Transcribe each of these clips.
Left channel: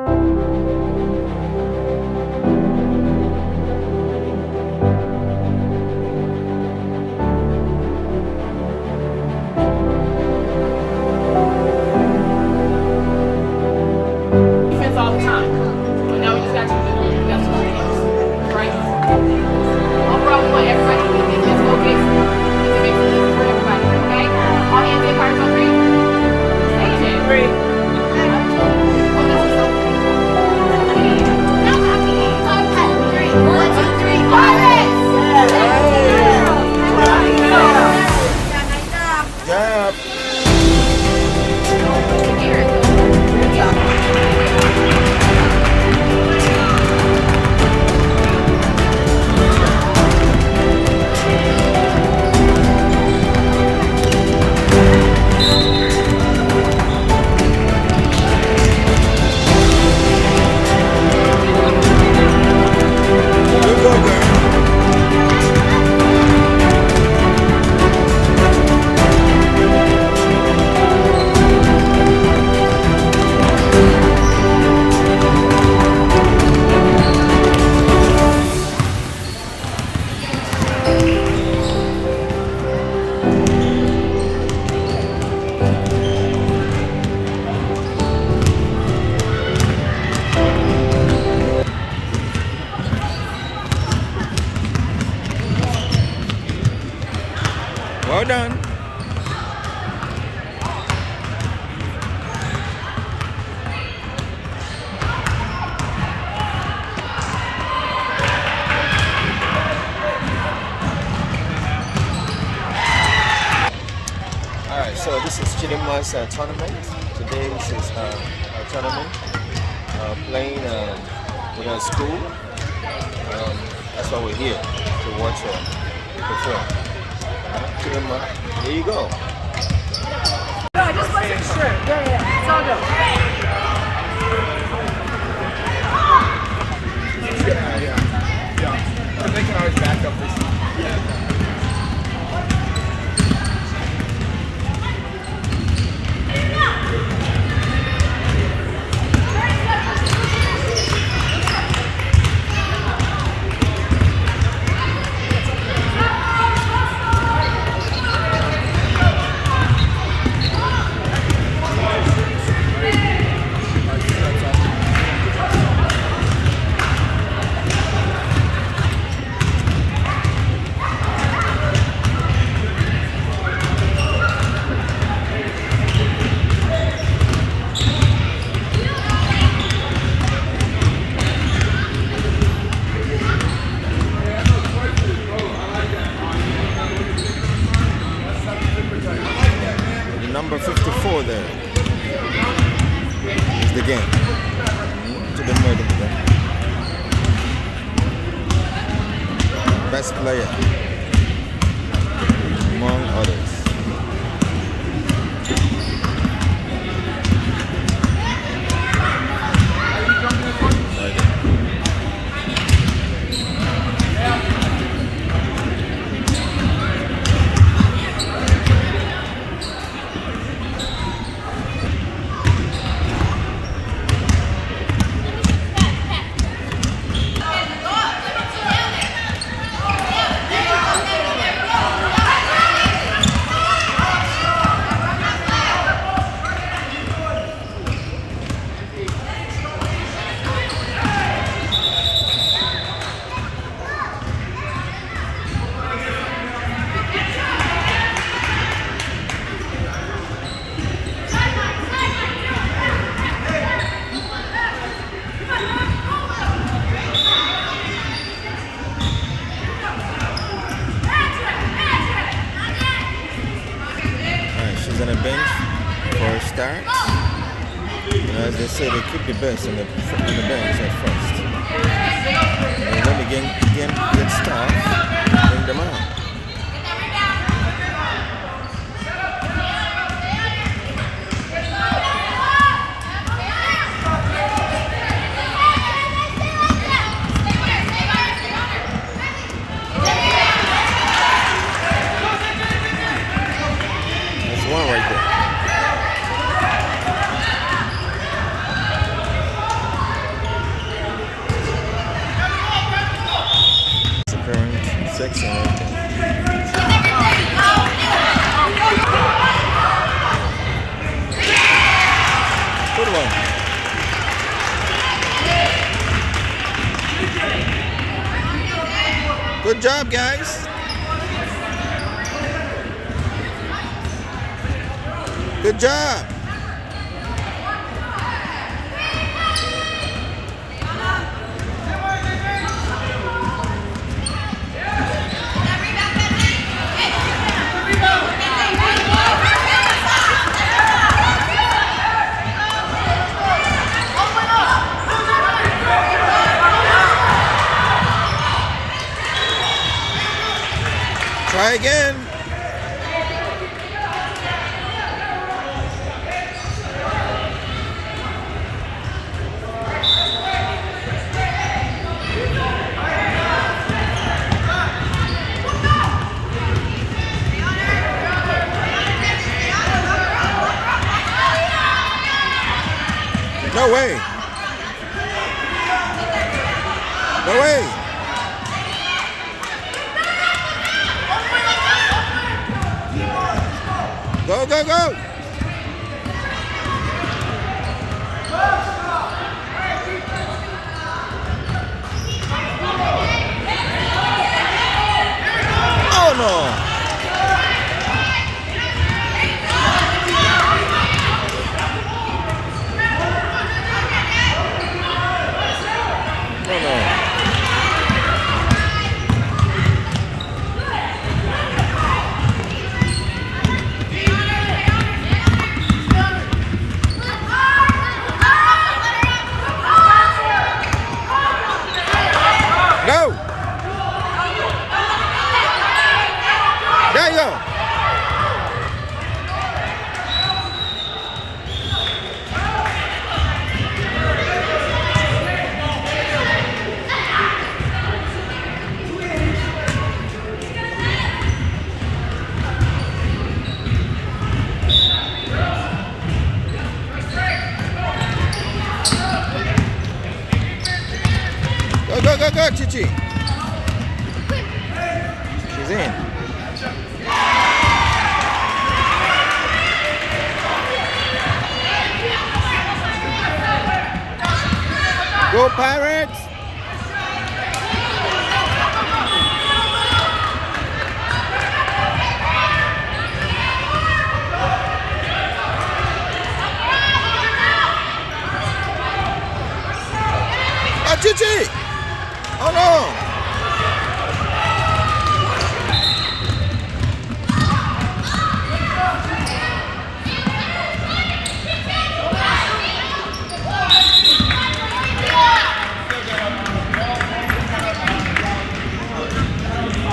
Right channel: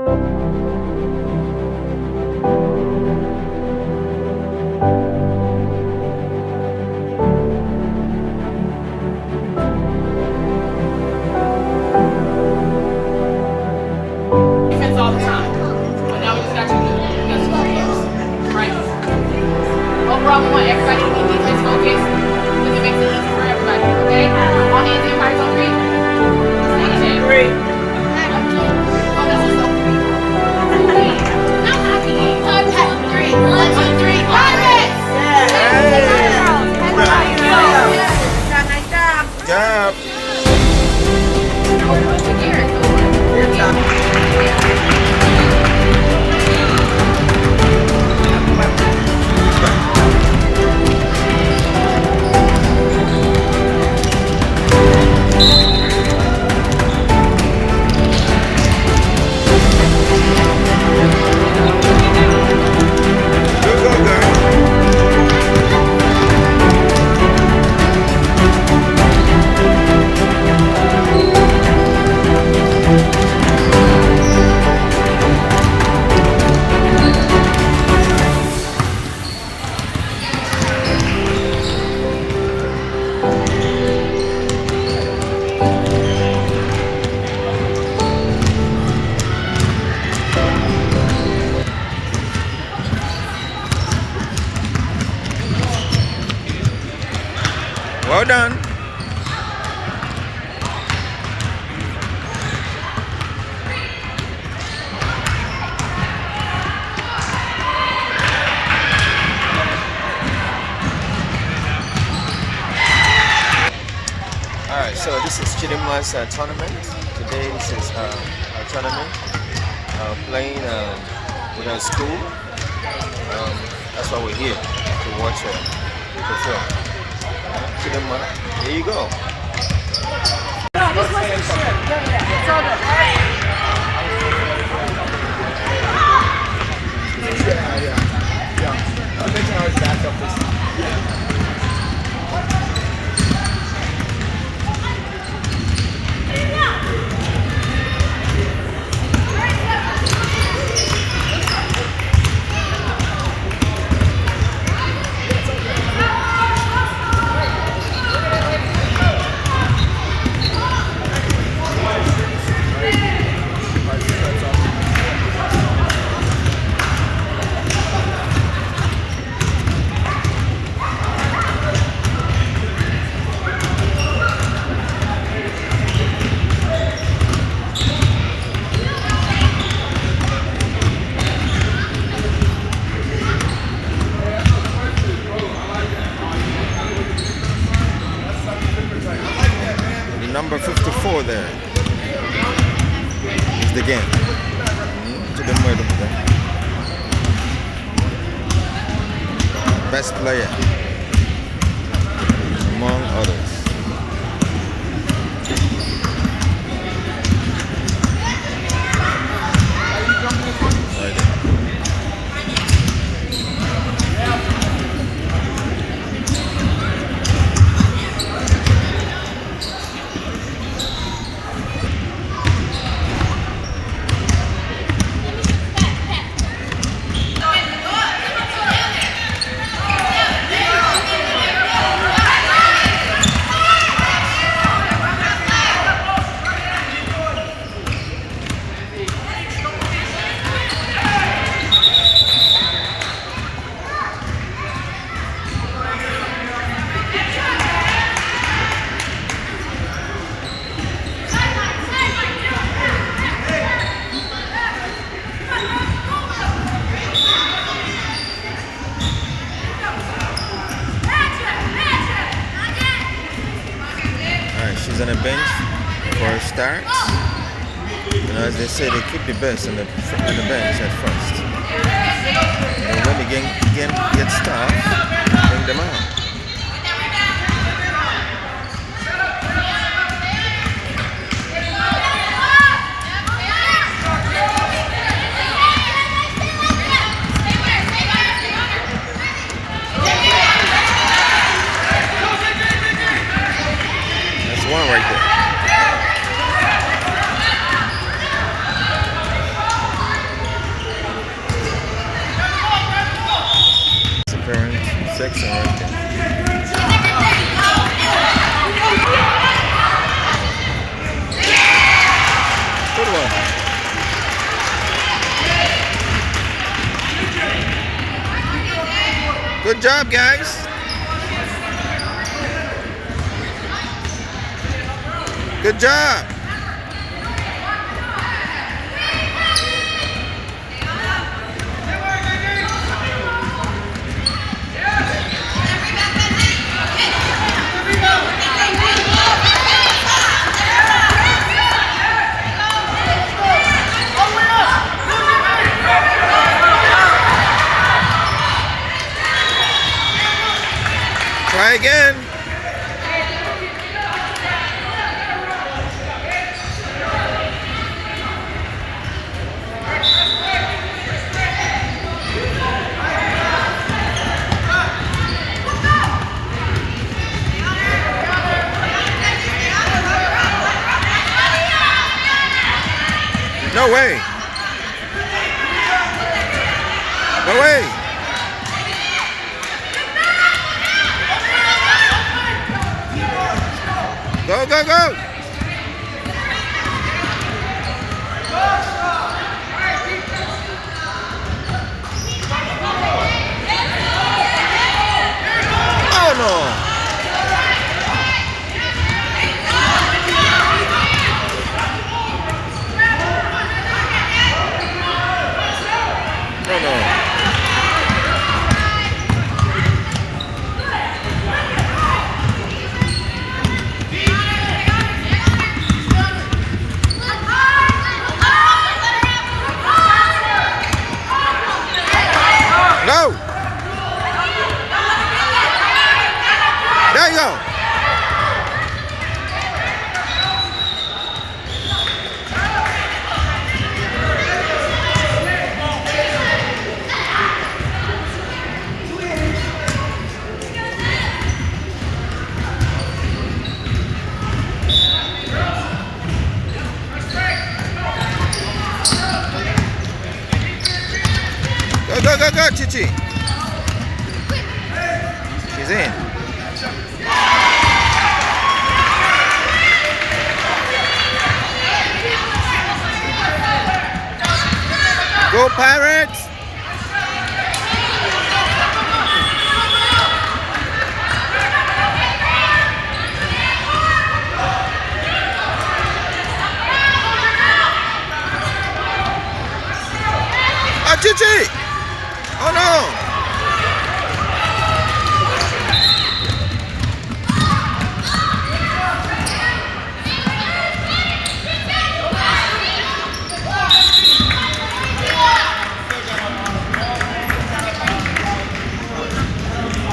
Defense all the time. But now we just got you. We got two games, right? No problem with everybody to be defense focused. Because it makes it easy for everybody. Okay? All hands in hearts, okay? Stay in there. Oh, that's just like three. No, not three. Three. 1, 2, 3. Pirates! Gap. Good go, girl. Well done. Alright, so this is Chidinma's tournament. Today this is our tournament. Playing with our school. That's why we're here, to watch the perform. Chidinma, here you go. No, this wasn't sure. It's all good. Number 54 there is the game. To the murder of them. Best player among others. Right there. On the bench for a start. As they say, they keep the best on the bench at first. And when the game gets tough, bring them out. That's one right there. Good one. Good job, guys. Good job. Try again. No way. No way. Go, go, go. Oh no. No, no. Go. There you go. Go, go, go, go, Chichi. She's in. Go, Pirates. Ah, Chichi. Oh no!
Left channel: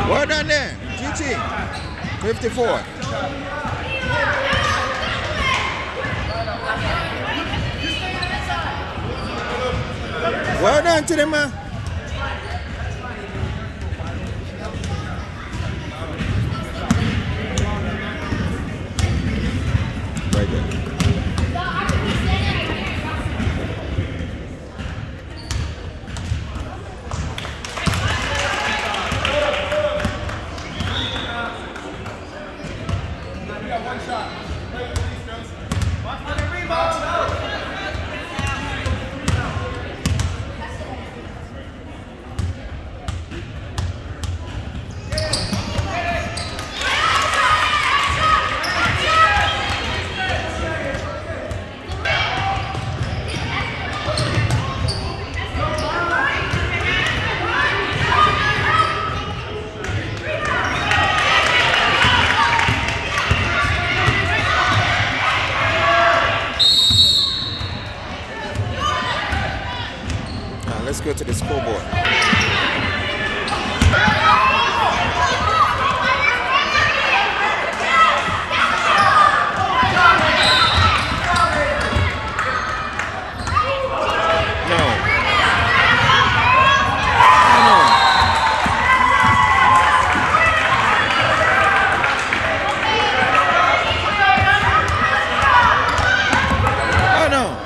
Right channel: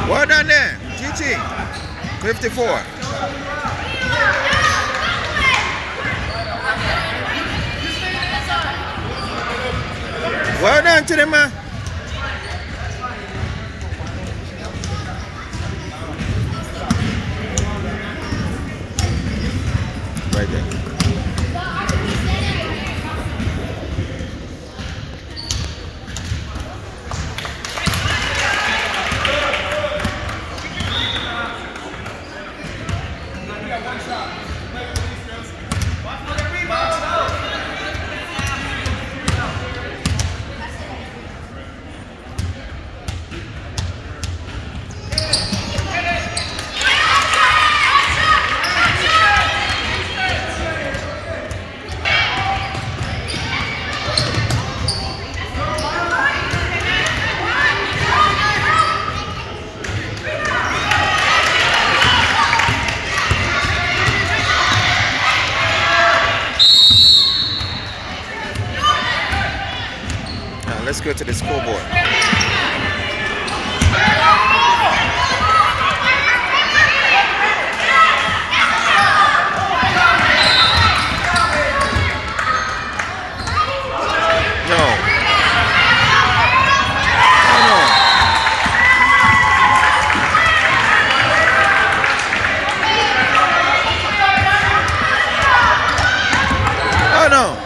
Well done there, GT. 54. Well done to them, man. Right there. Now let's go to the scoreboard. No. Oh no. Oh no.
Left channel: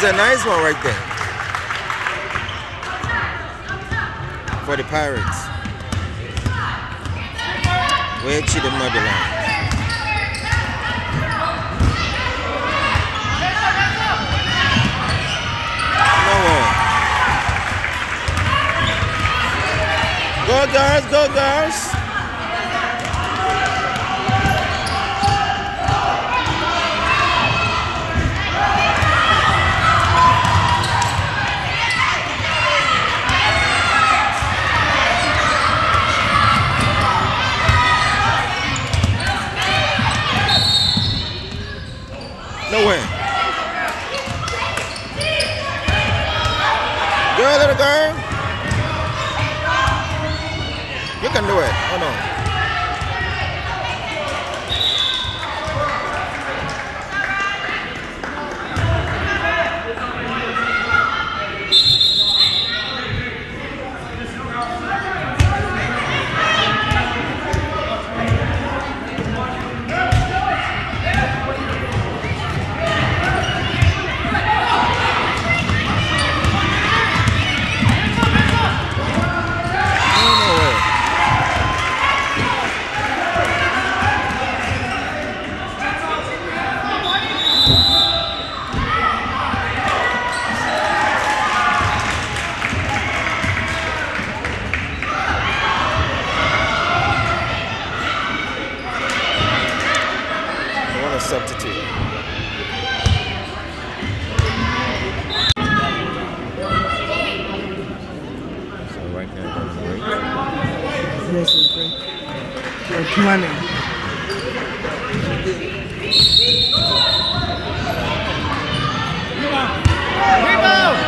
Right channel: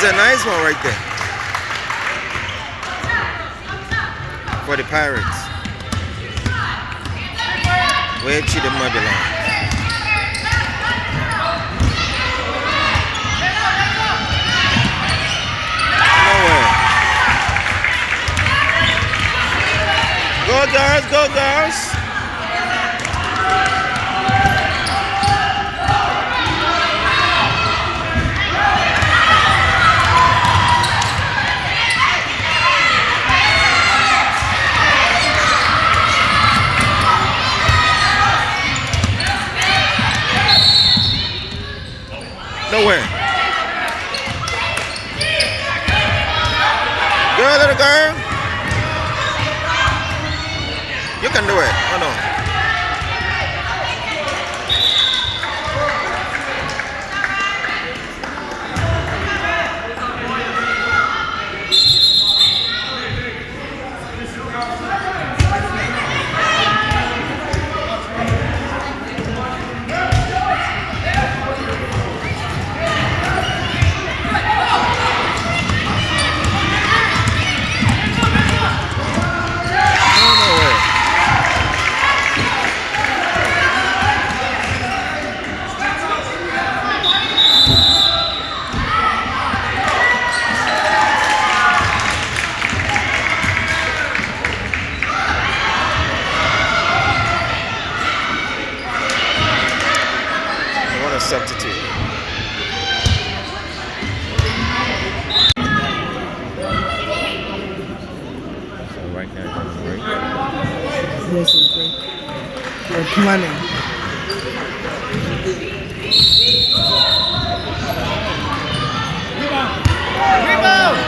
There's a nice one right there. For the Pirates. Where Chidema belongs. Nowhere. Go girls, go girls. Nowhere. Girl, little girl. You can do it. Oh no. Substitute. So right now it's on break. Yes, it's break. We're planning. Rebound!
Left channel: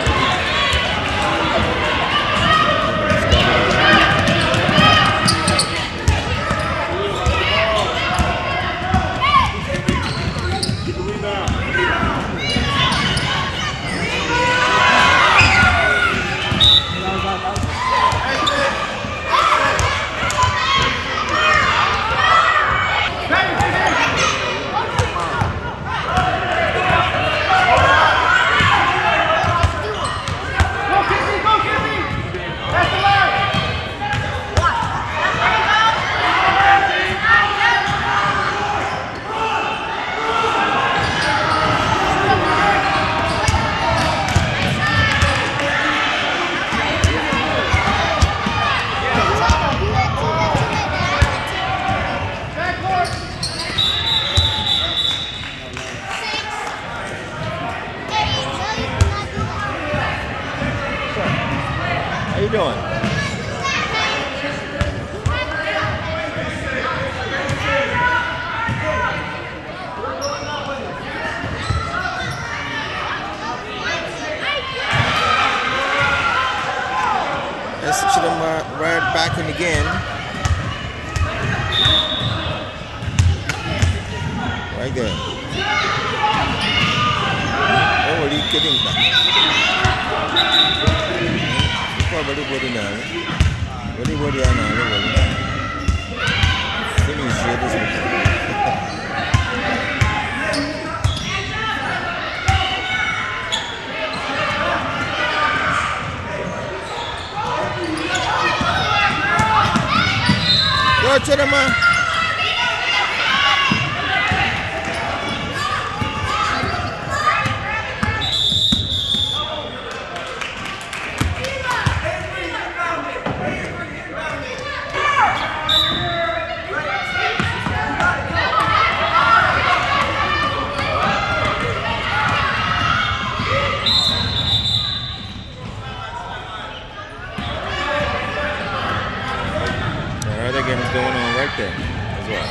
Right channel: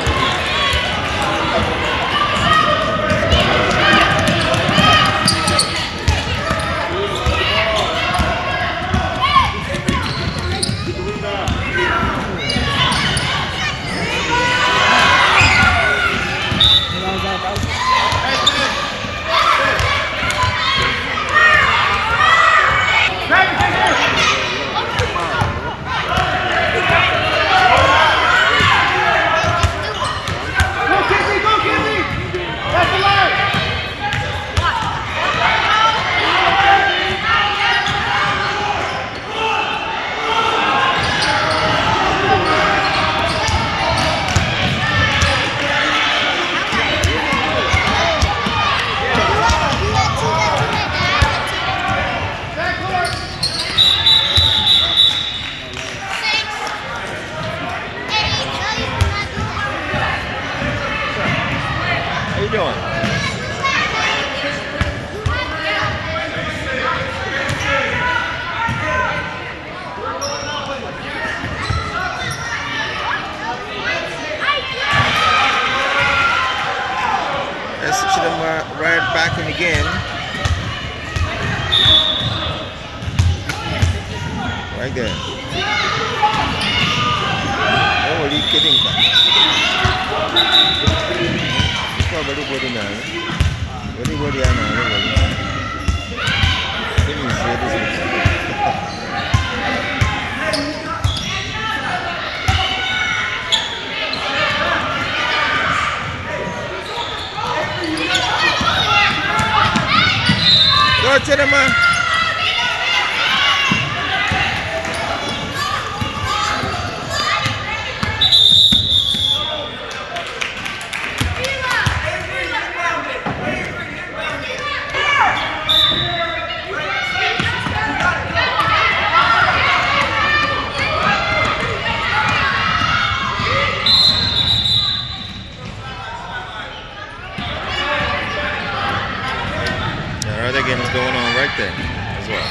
How you doing? Let's see them right back in again. Right there. Oh, what are you kidding about? Body now. Body now. Go to the man. Other games going on right there as well.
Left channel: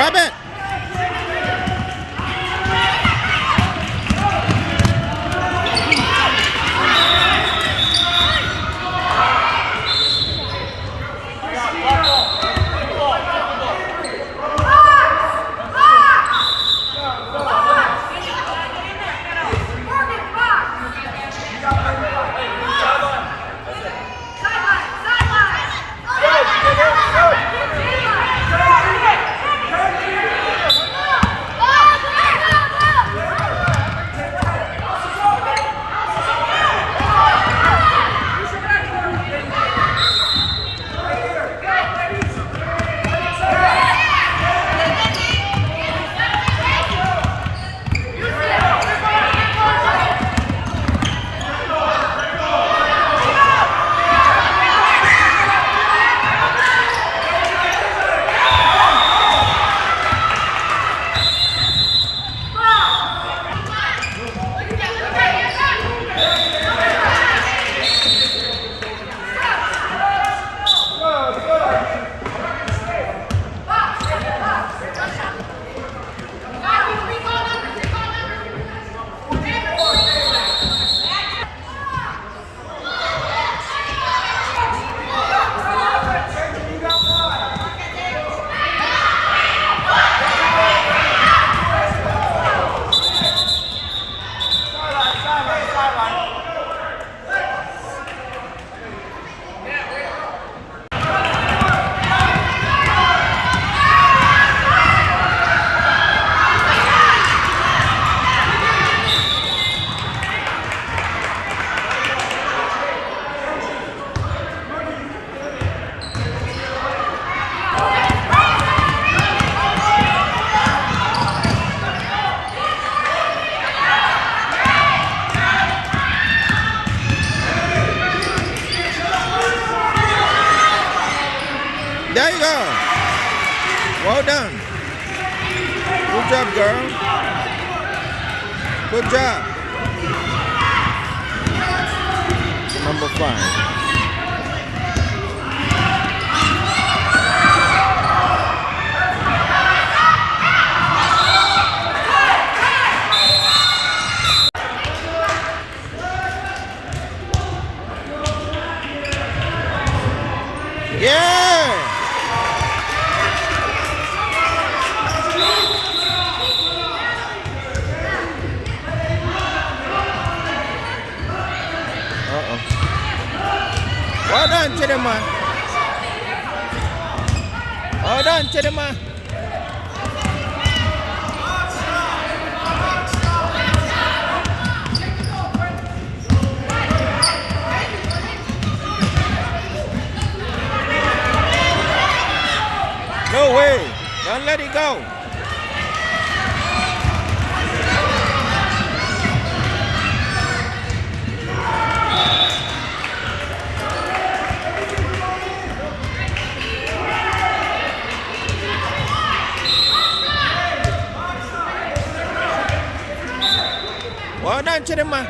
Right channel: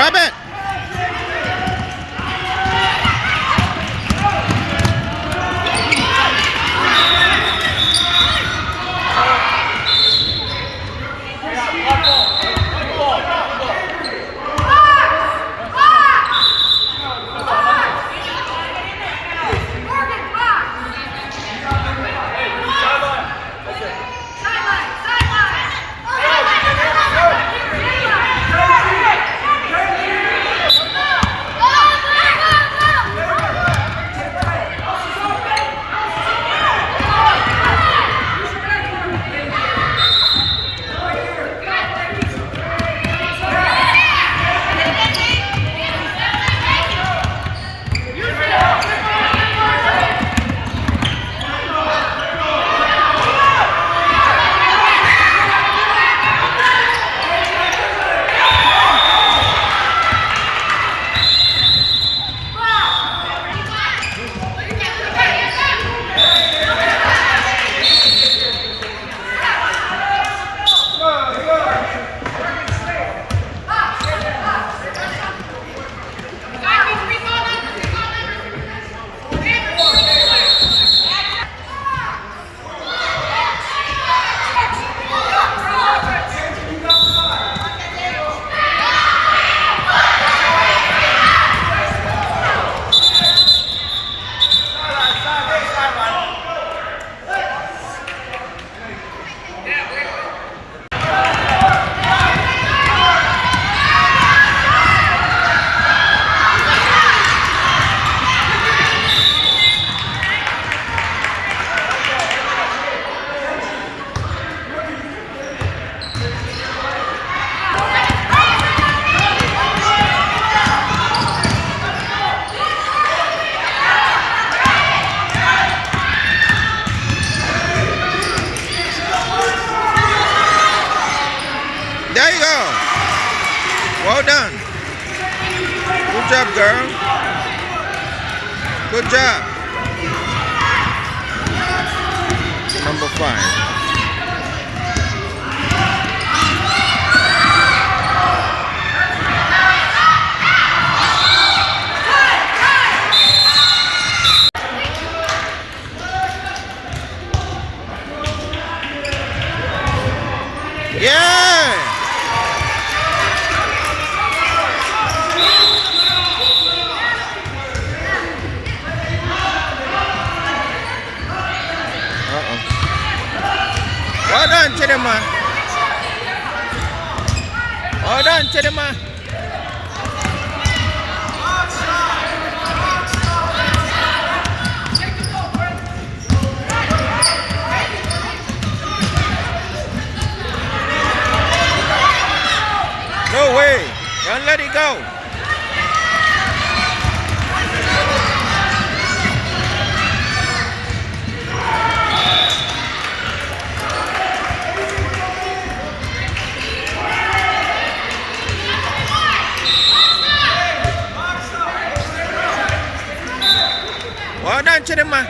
Grab it. There you go. Well done. Good job, girl. Good job. Number 5. Yeah! Uh-oh. Well done, Chidima. Well done, Chidima. No way. Don't let it go. Well done, Chidima.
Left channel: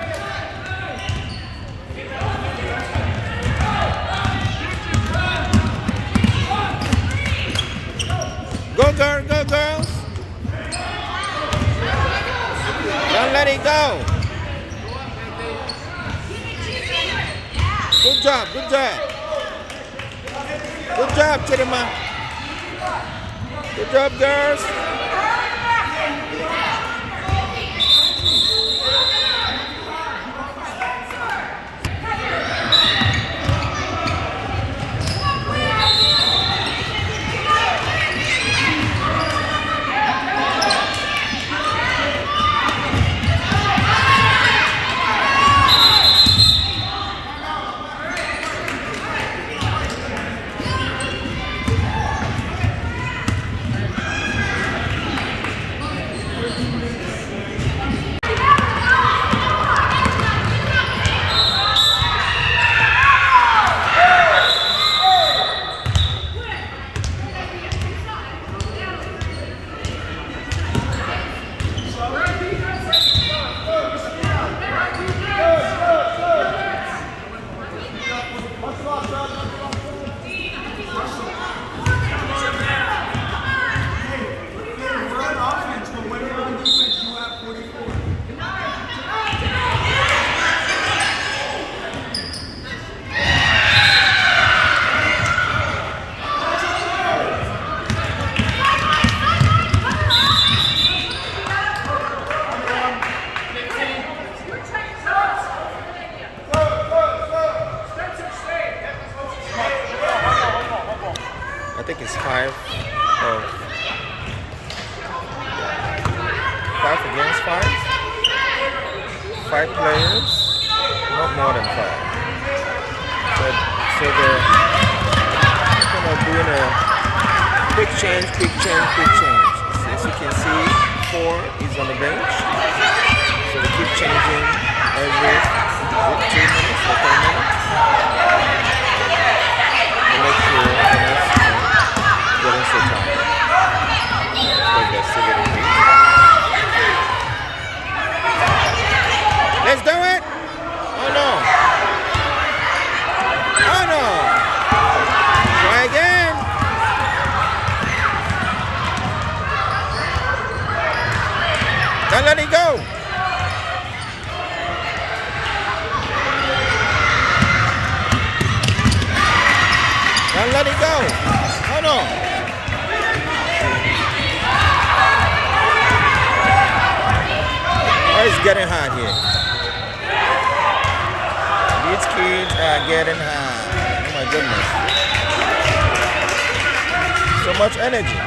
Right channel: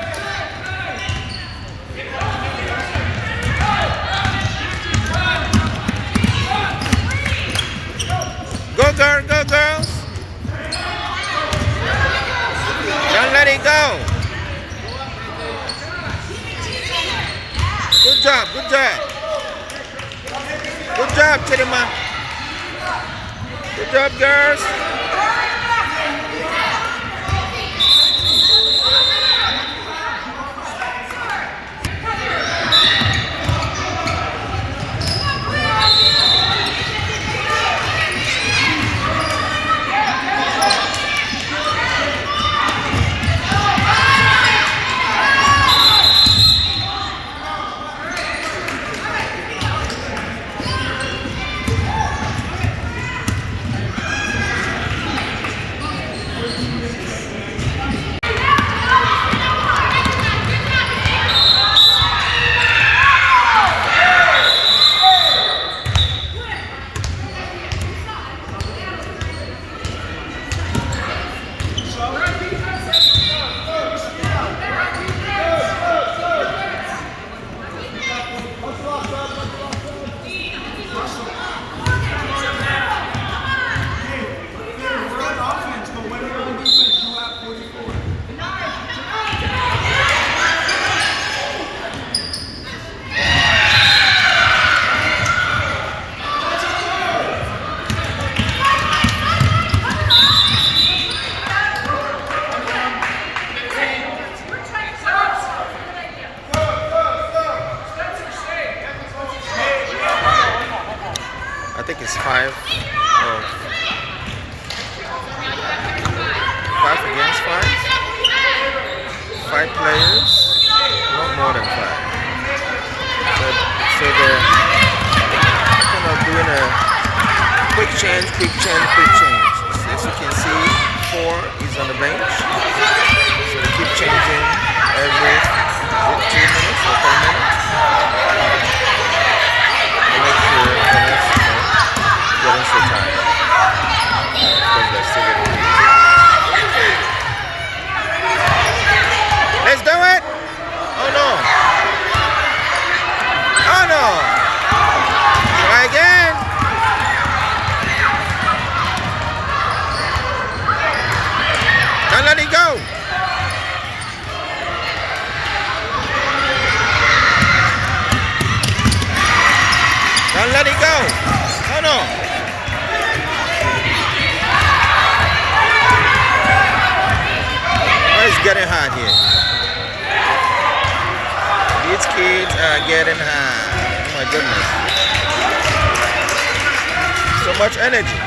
Go, girl, go, girls. Don't let it go. Good job, good job. Good job, Chidima. Good job, girls. is 5 against 5. 5 players, not more than 5. So they're kind of doing a quick change. As you can see, 4 is on the bench. So they keep changing every 2 minutes or 3 minutes. To make sure they're not getting so tired. Of course, they're still getting beat. Let's do it! Oh no! Oh no! Try again! Don't let it go! Don't let it go! Oh no! Oh, it's getting hot here. These kids are getting high. Oh my goodness. So much energy.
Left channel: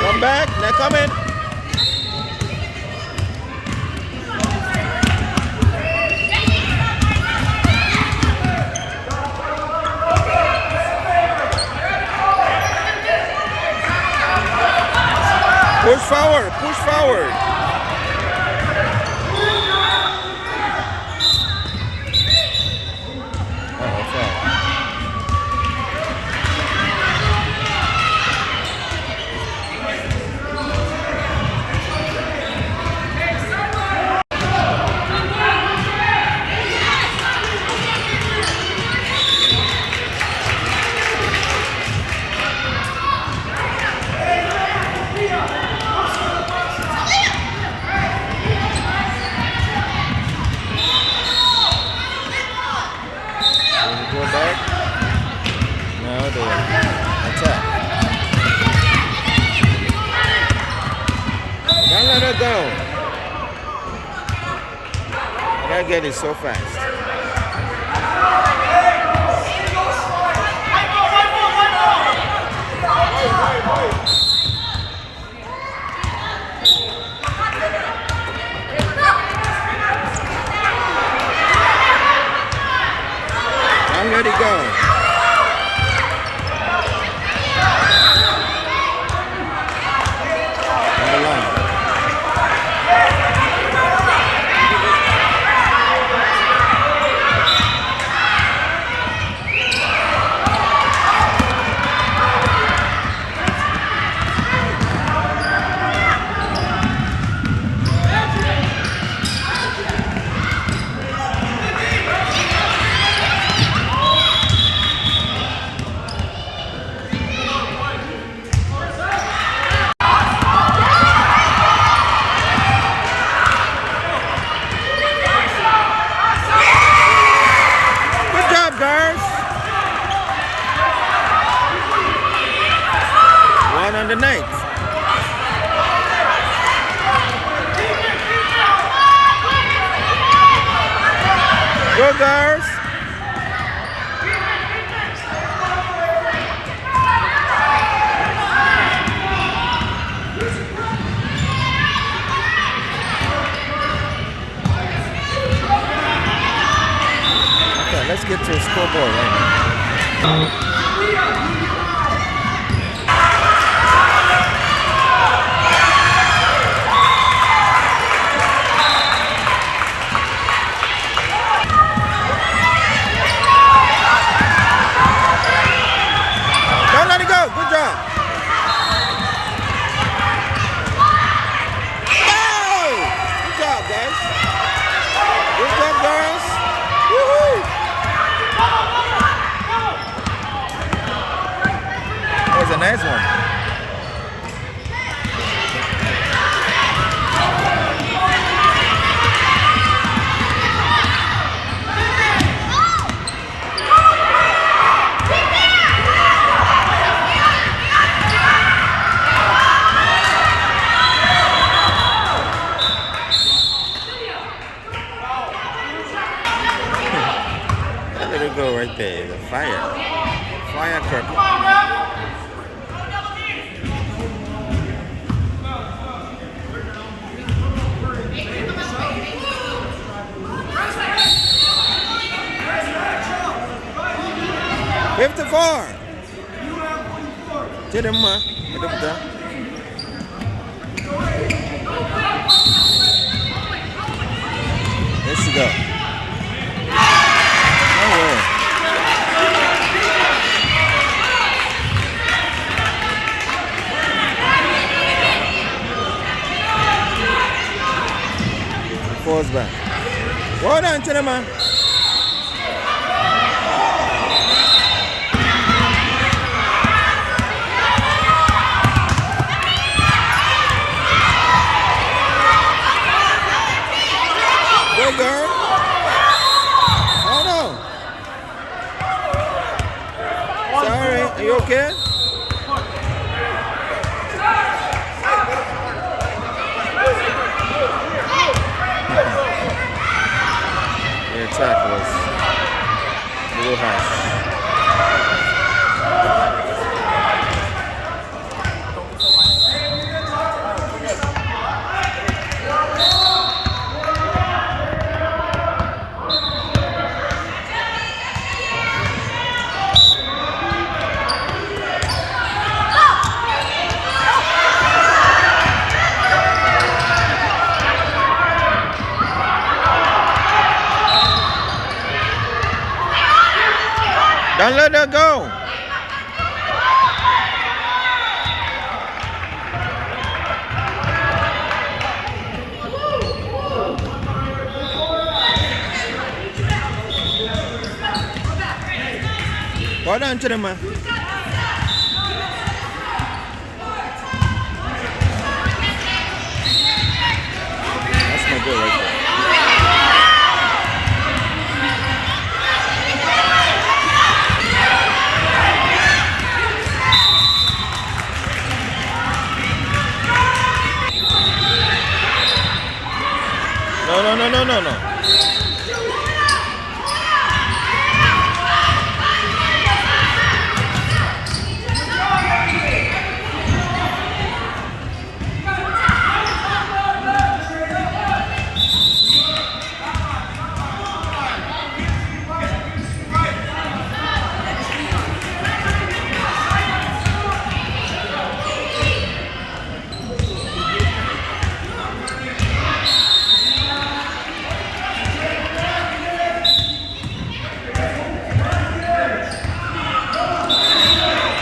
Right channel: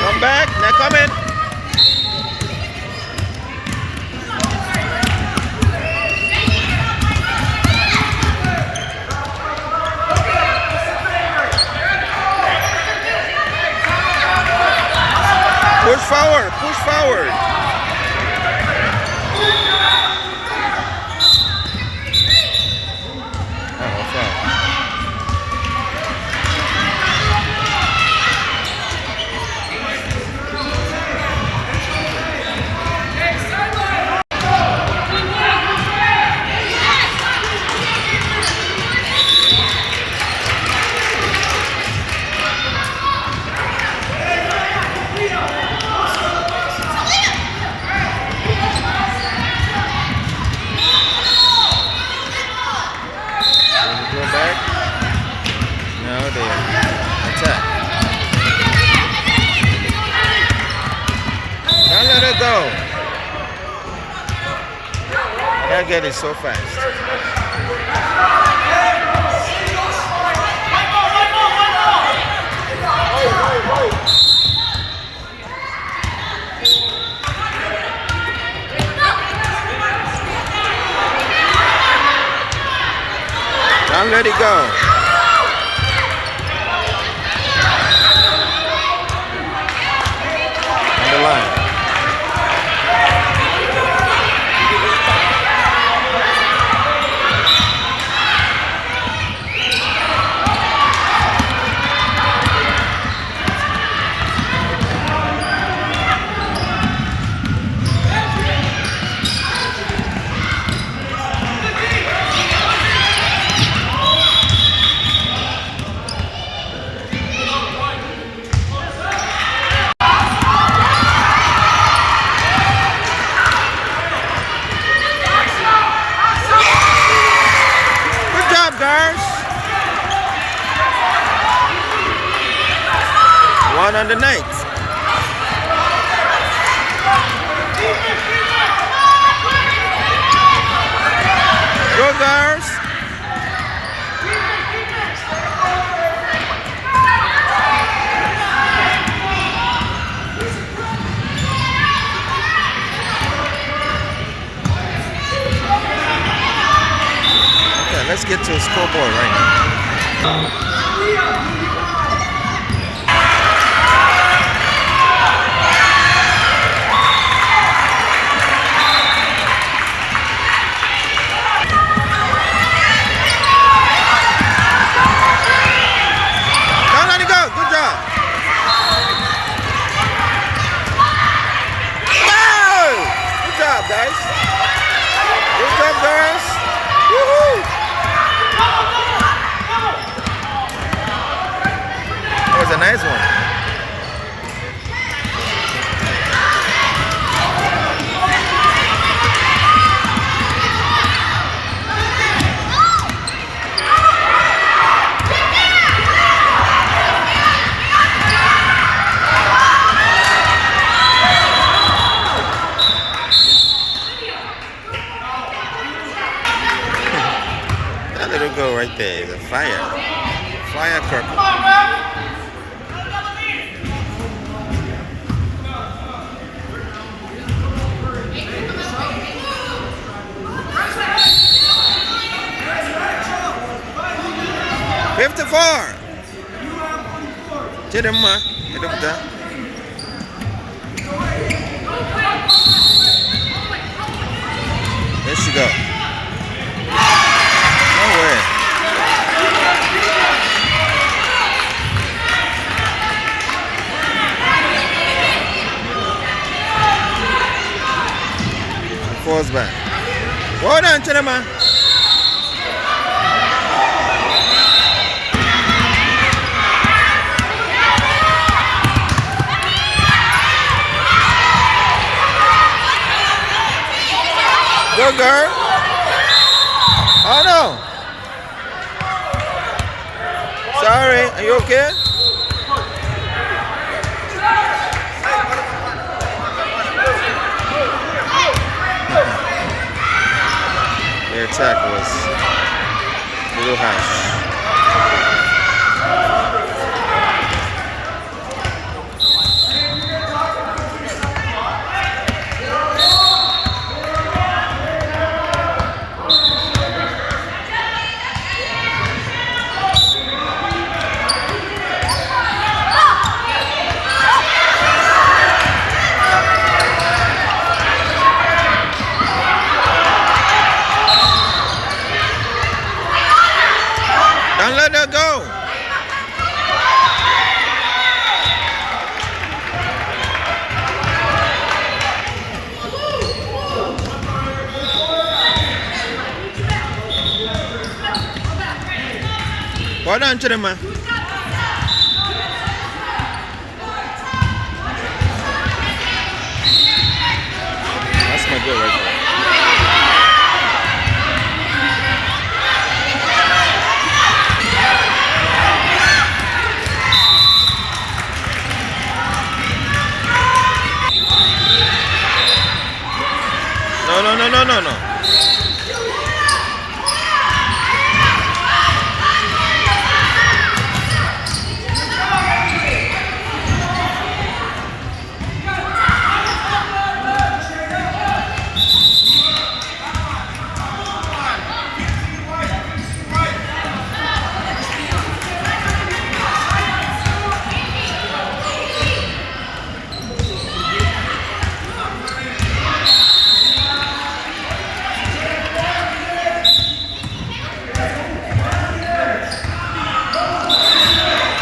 Come back, they're coming. Push forward, push forward. Oh, foul. Go back. Now they attack. Don't let her go. And that get it so fast. Don't let it go. On the line. Guys, 1 on the night. Go guys. Let's get to a scoreboard right now. Don't let it go. Good job. No! Good job, guys. Good job, girls. Woohoo! That was a nice one. That little girl right there is a firecracker. $54. Jadi mah, itu betul. There she go. No way. Falls back. Well done, Chidema. Good girl. Oh no. Sorry, are you okay? The attack was a little harsh. Don't let her go. Well done, Chidema. That's my girl right there. No.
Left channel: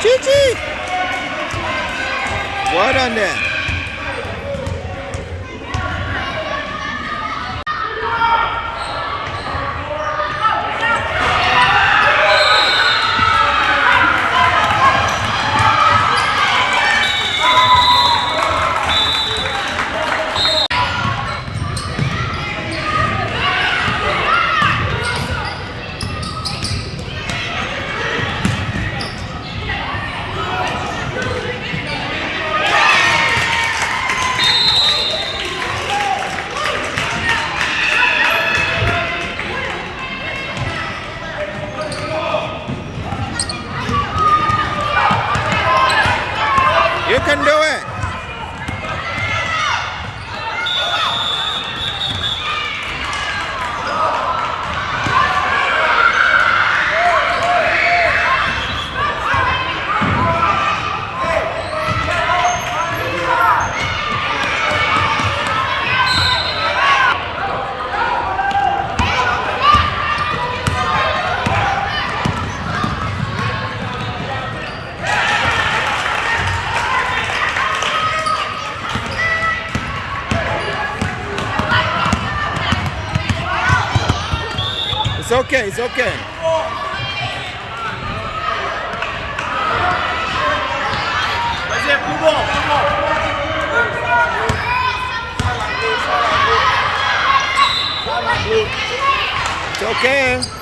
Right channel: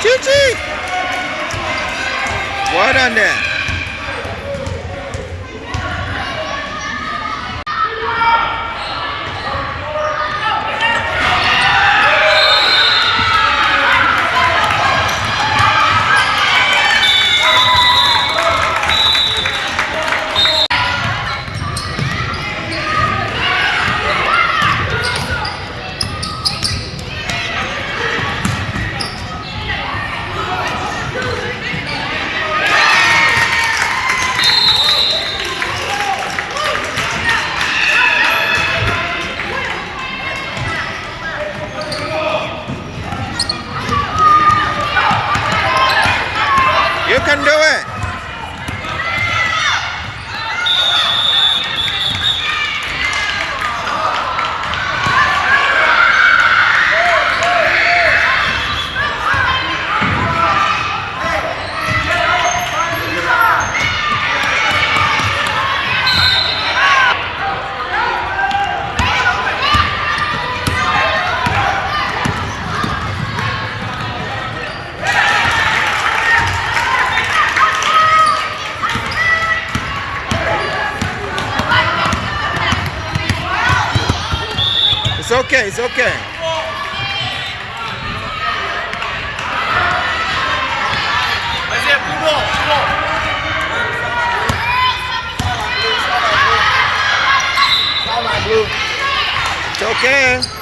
Chichi! Well done there. You can do it. It's okay, it's okay. It's okay.